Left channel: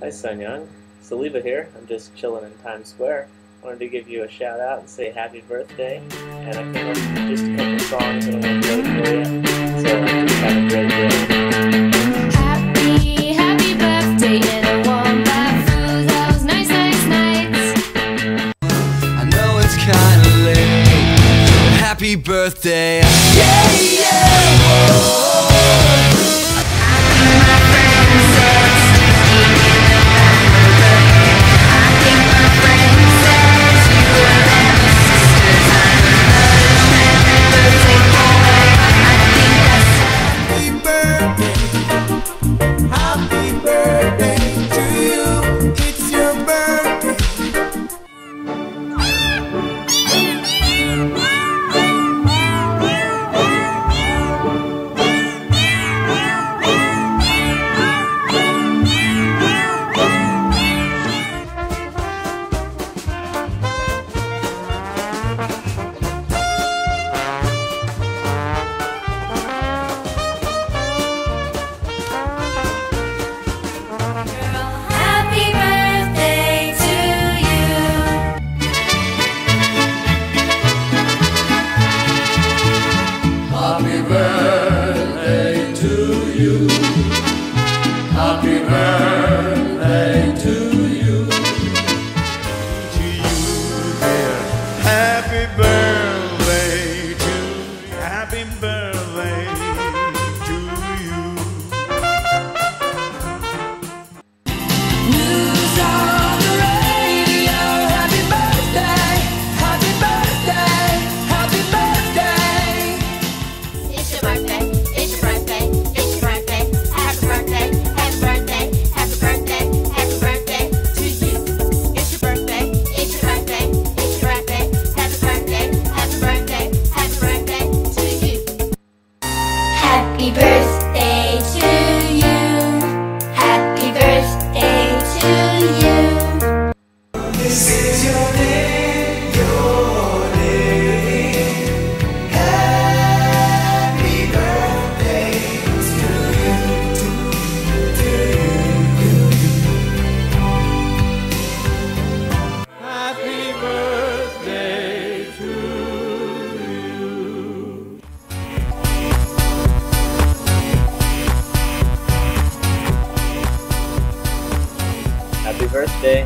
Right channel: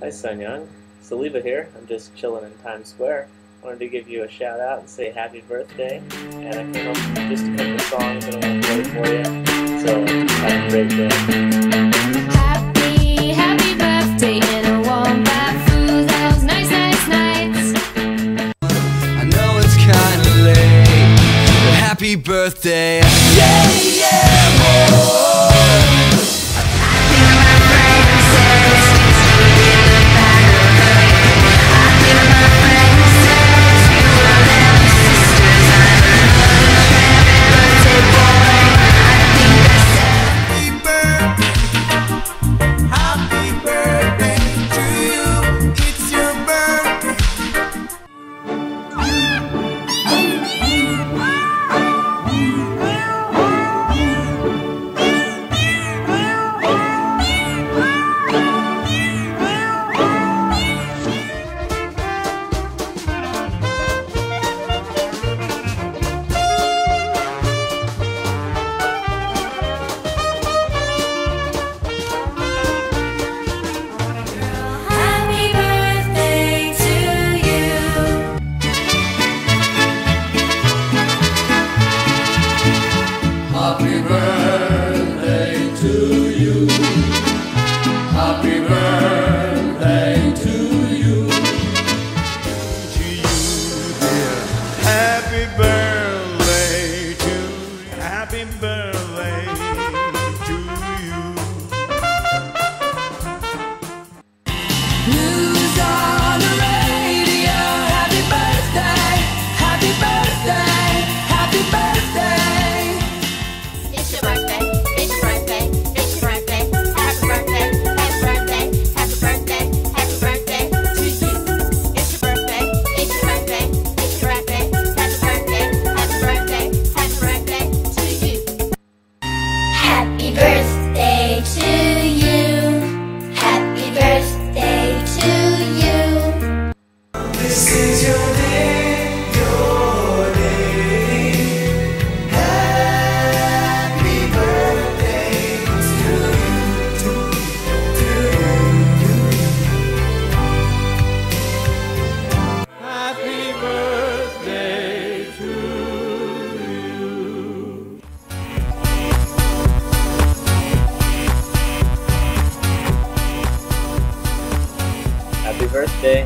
Hi Sun Young, Saliba here. I'm just chilling in Times Square. Wanted to give you a shout out and say happy birthday. And I came up with just a couple songs that I want to play for you. So just have a great day. Happy birthday in a warm bath through those nice nights. I know it's kinda late, but happy birthday. Yeah, yeah, oh. Happy birthday to you. Happy birthday to you. To you, dear. Happy birthday to you. Happy birthday to you. News on the radio. Happy birthday. Happy birthday. Happy birthday. It's your birthday, it's your birthday, it's your birthday. Happy birthday, happy birthday, happy birthday, happy birthday to you. It's your birthday, it's your birthday, it's your birthday. Happy birthday, happy birthday, happy birthday to you. Happy birthday to you. Happy birthday to you. This is your day, your day. Happy birthday to you, to you. Happy birthday to you. Happy birthday.